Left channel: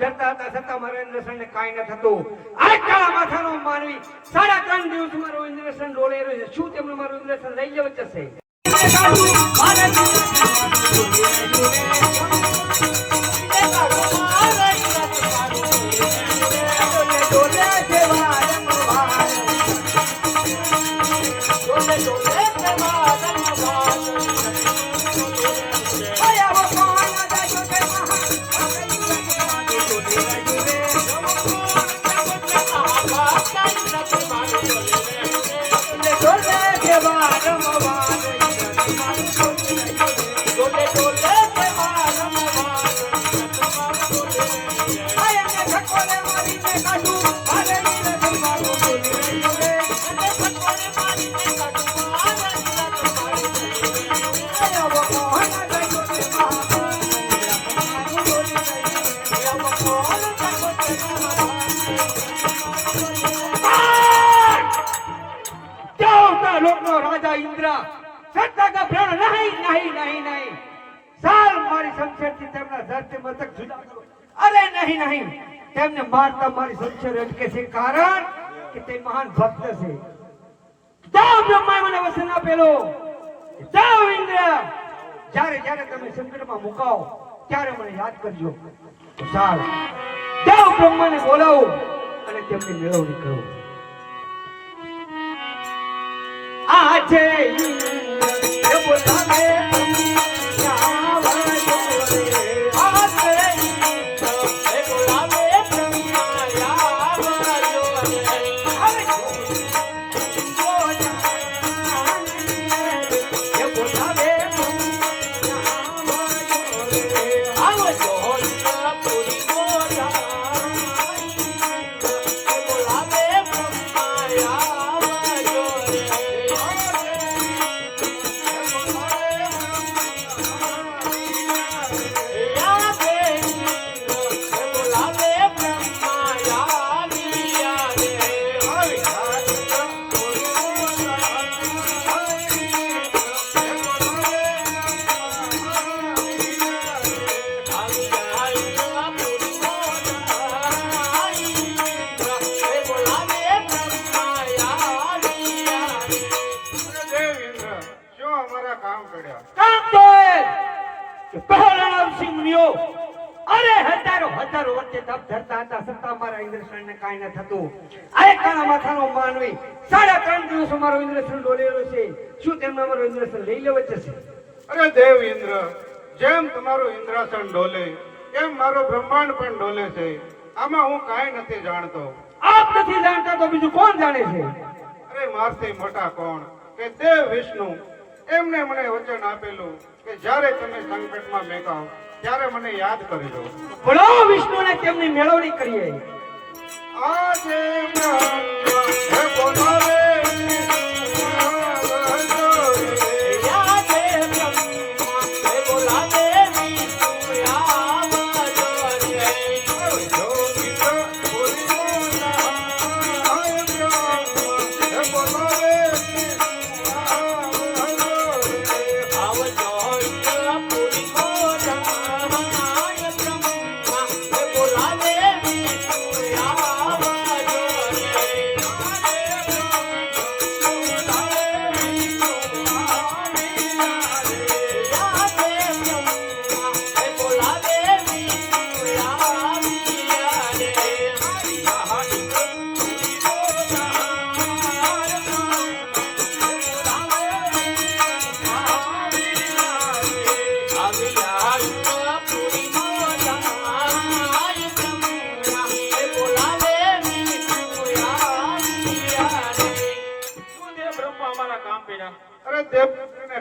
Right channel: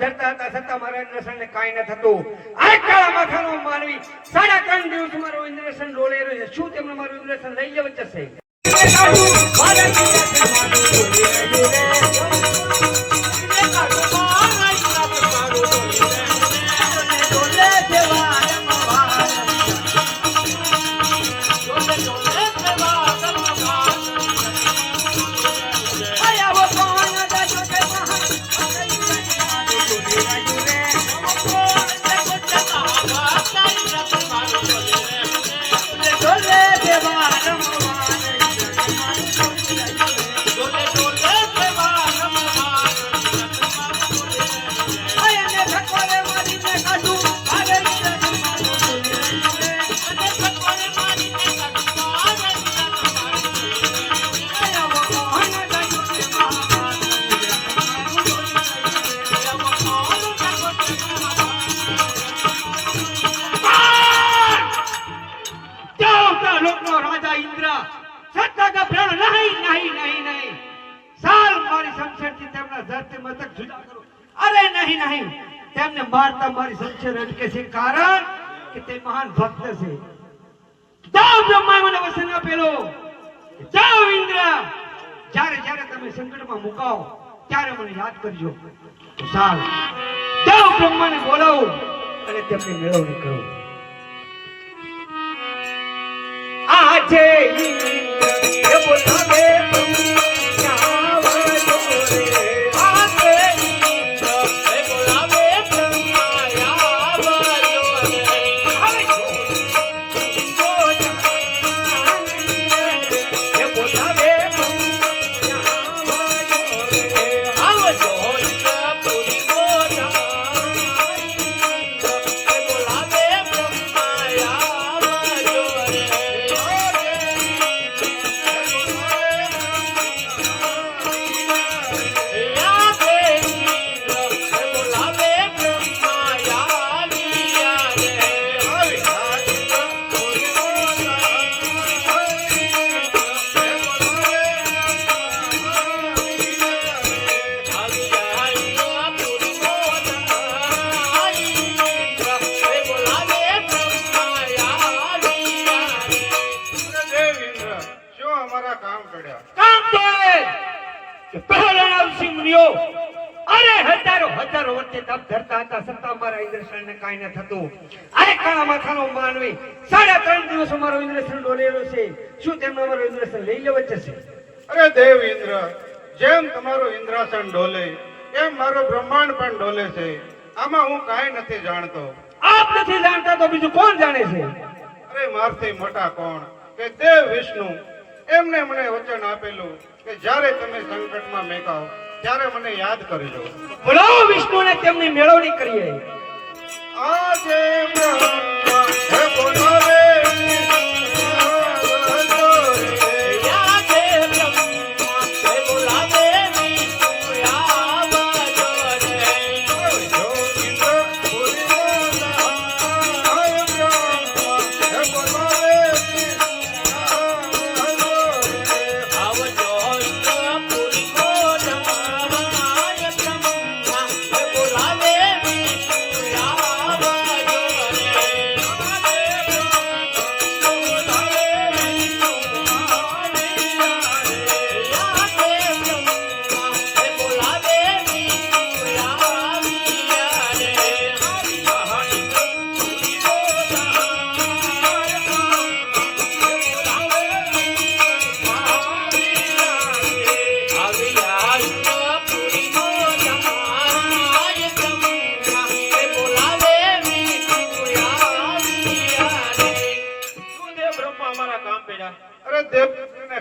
ધરતા હતા છતાં મારા ઇન્દ્રસનને કાંઈ ન થતું. આ કાળા માથાનો માનવી 3.5 દિવસ મારો ઇન્દ્રસન ડોલે રહ્યો છે. શું તેમનું મારું ઇન્દ્રસન લઈ જવું જશે? રાજા ઇન્દ્ર સત્તા કા પ્રાણ નહીં સાલ મારી શમશેરથી તેમના ધરતી મતક જુદા કરો. અરે નહીં તેમને મારતા મારી શમશેર અટકે છે, કારણ કે તે મહાન ભક્ત છે. જાઓ બ્રહ્માએ મને વસન આપેલો. જાઓ ઇન્દ્ર, જ્યારે તમે સંકટમાં મુકાઓ ત્યારે મને યાદ કરજો. સાલ જાઓ બ્રહ્માને બોલાવો અને તેમની મેળવણી કરો. આજે ઇન્દ્ર બોલાવે હજારો વર્ષે તપ ધરતા હતા છતાં મારા ઇન્દ્રસનને કાંઈ ન થતું. આ કાળા માથાનો માનવી 3.5 દિવસ મારો ઇન્દ્રસન ડોલેલો છે. શું તેમનો મારો ઇન્દ્રસન લઈ લેવો જશે? અરે દેવ ઇન્દ્ર, જેમ તમારું ઇન્દ્રાસન ડોલે એમ મારો બ્રહ્માંડ પણ ડોલે છે. આમાં હું કાંઈ નથી જાણતો. આપ નથી જાણતા તો બીજું કોણ જાણે છે? અરે મારથી મોટા કોણ કે દેવ વિષ્ણુ. એમને મને વચન આપેલું કે જ્યારે તમે સંકટમાં મેકાઓ ત્યારે મને યાદ કરજો. બોલાવો વિષ્ણુને તેમની મેળવણી કરીએ. આજે હે બોલાવે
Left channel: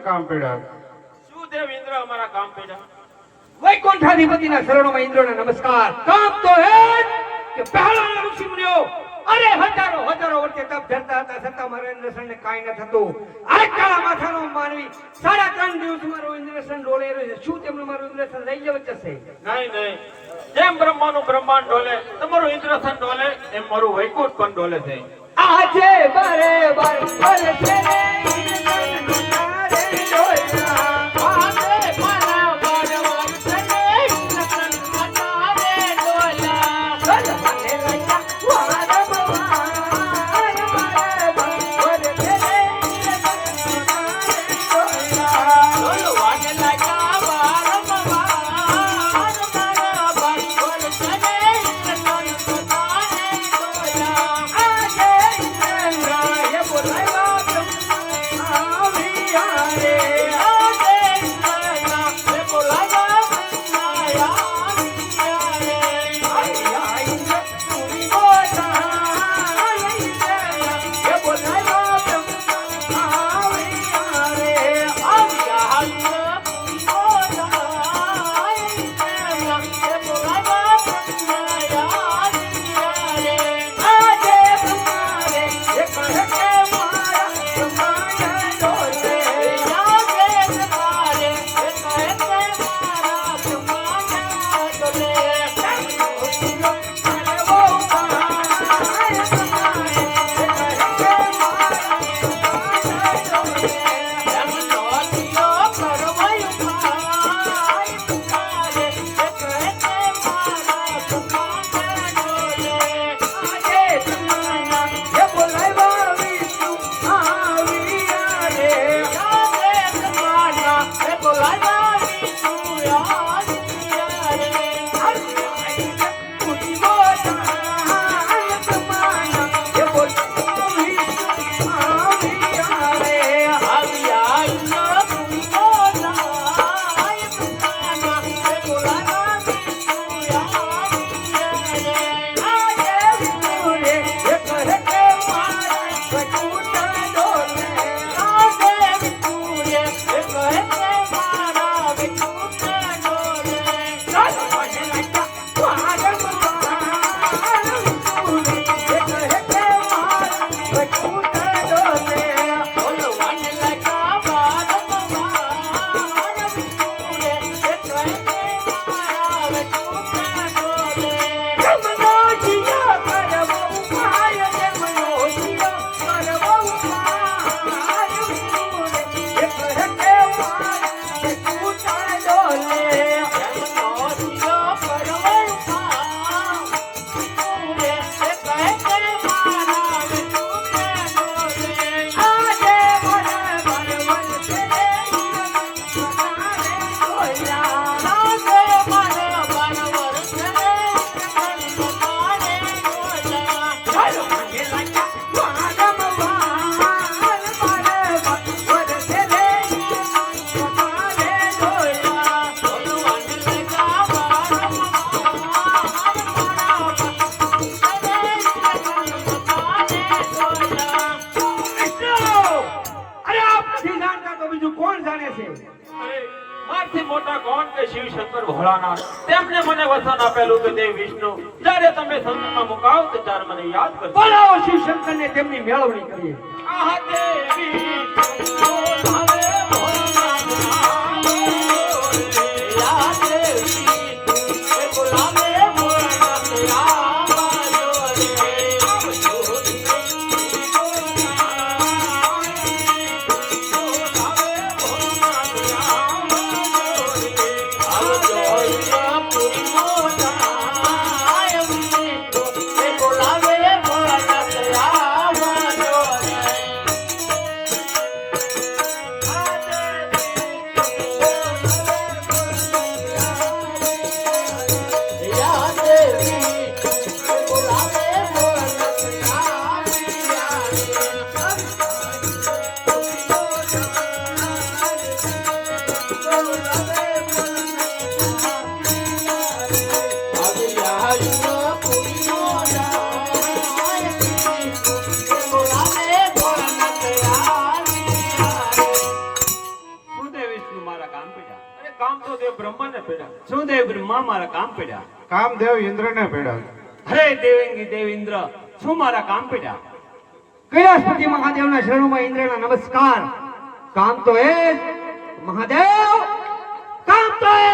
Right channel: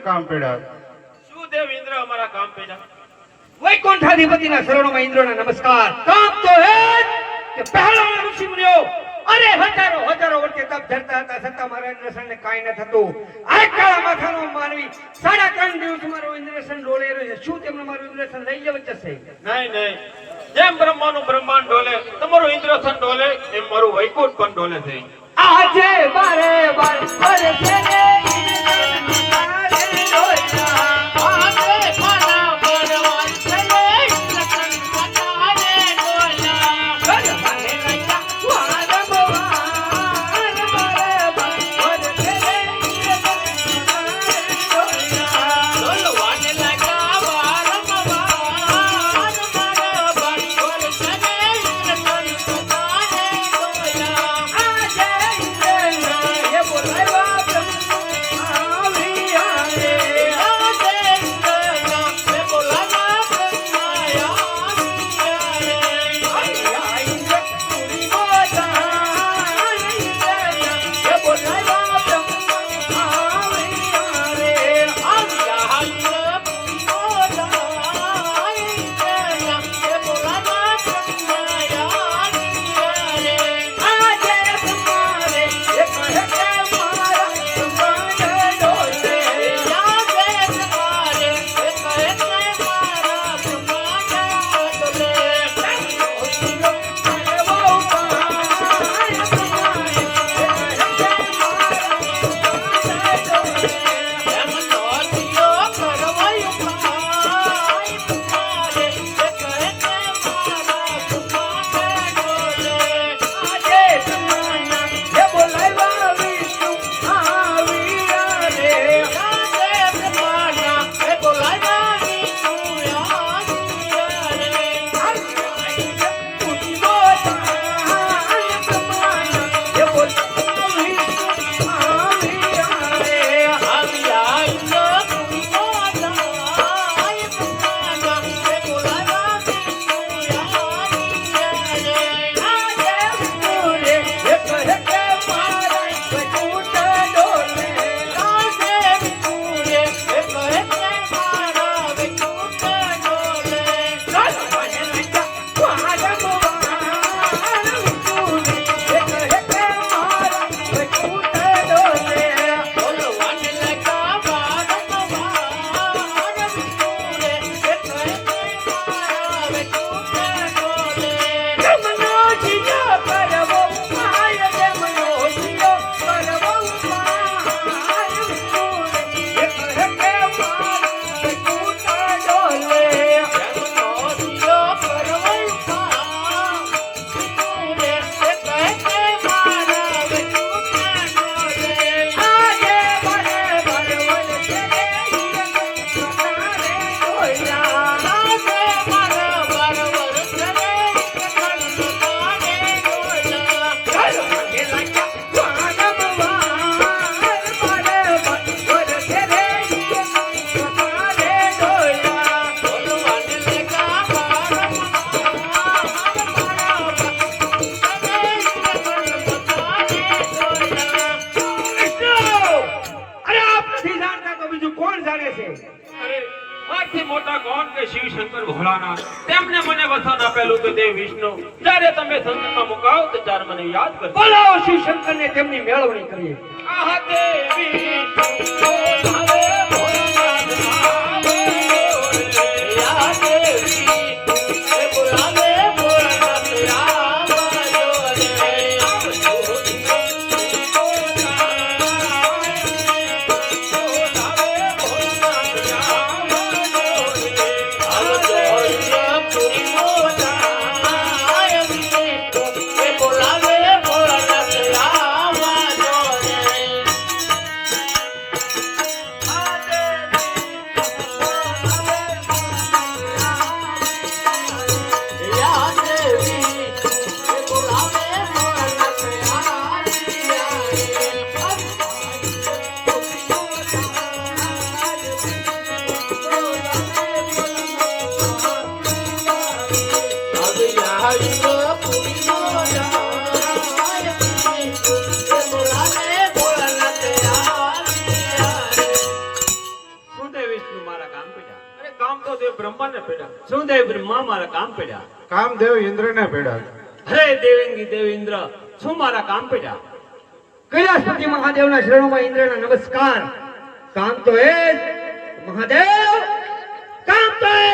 કામ પડ્યા. શું દેવ ઇન્દ્ર અમારા કામ પડ્યા? વૈકુંઠાધિપતિના શરણોમાં ઇન્દ્રને નમસ્કાર. કામ તો હે કે પહેલાના ઋષિ મુનિઓ અરે હજારો વર્ષે તપ ધરતા હતા છતાં મારા ઇન્દ્રસનને કાંઈ ન થતું. આ કાળા માથાનો માનવી 3.5 દિવસ મારો ઇન્દ્રસન ડોલે રહ્યો છે. શું તેમનું મારું ઇન્દ્રસન લઈ જવું જશે? નહીં. જેમ બ્રહ્માનું બ્રહ્માંડ ડોલે તમારું ઇન્દ્રસન ડોલે એમ મારું વૈકુંઠ પણ ડોલે છે. આજે બારે છે તેમનો જીયો કરવો ઉપાય, તેમનો જીયો કરવો ઉપાય. એક હકે મારા ટૂટા ડોલે, આજે મને બરબર છે રે તમારે જોયા. અરે મારથી મોટા કોણ કે શિવ શંકર ભોળાનાથ? તેમણે મને વસન આપેલું કે દેવ વિષ્ણુ જ્યારે તમે સંકટમાં મુકાવ તો ત્યારે મને યાદ કરજો. બોલાવો શિવ શંકર ને તેમની મેળવણી કરીએ. આહ દેવ વિષ્ણુ બોલાવે ભોળાનાથ આવે. યા દેવ વિષ્ણુ બોલાવે ભોળાનાથ કામ તો દેવ બ્રહ્માને પેડા. શું દેવ બ્રહ્મા મારા કામ પડ્યા? કામદેવ ઇન્દ્રને પીડા. હરે દેવેંગી દેવ ઇન્દ્ર, શું મારા કામ પડ્યા? કૈલાસપતિ મહાદેવના શરણોમાં ઇન્દ્રના નમસ્કાર. કામ તો એ જ મહાદેવ, કામ તો એ જ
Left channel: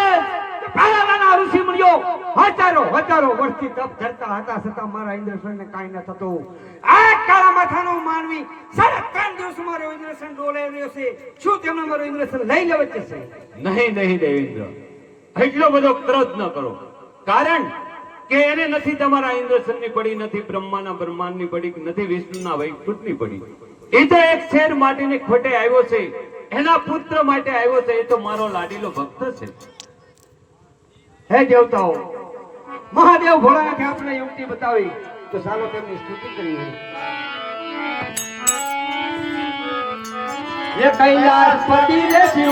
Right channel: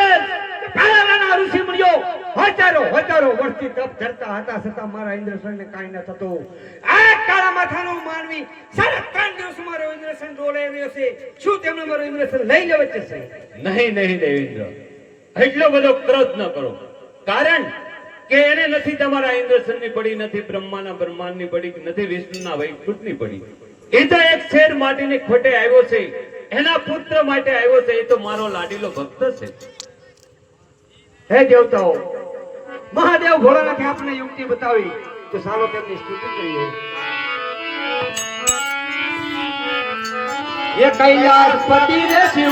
કે પહેલાના ઋષિ મુનિઓ હજારો વર્ષથી તપ કરતા હતા, છતાં મારા ઇન્દ્રસનને કાંઈ ન થતું. આ કાળા માથાનો માનવી 3.5 દિવસ મારો ઇન્દ્રસન ડોલે રહ્યો છે. શું તેમનો મારો ઇન્દ્રસન લઈ લેવો છે? નહીં દેવેન્દ્ર, એટલો બધો ક્રોધ ન કરો. કારણ કે એને નથી તમારા ઇન્દ્રસનની પડી, નથી બ્રહ્માના બ્રહ્માંડની પડી, નથી વિષ્ણુના વૈકુંઠની પડી. એ તો એક શેર માટીને ખોટે આવ્યો છે, એના પુત્ર માટે આવ્યો છે. એ તો મારો લાડીલો ભક્ત છે. હે દેવતાઓ, મહાદેવ ભોળાનાથે આપણે યુક્તિ બતાવી, તો ચાલો તેમની સ્તુતિ કરીએ. એ કૈલાસપતિ રે શિવ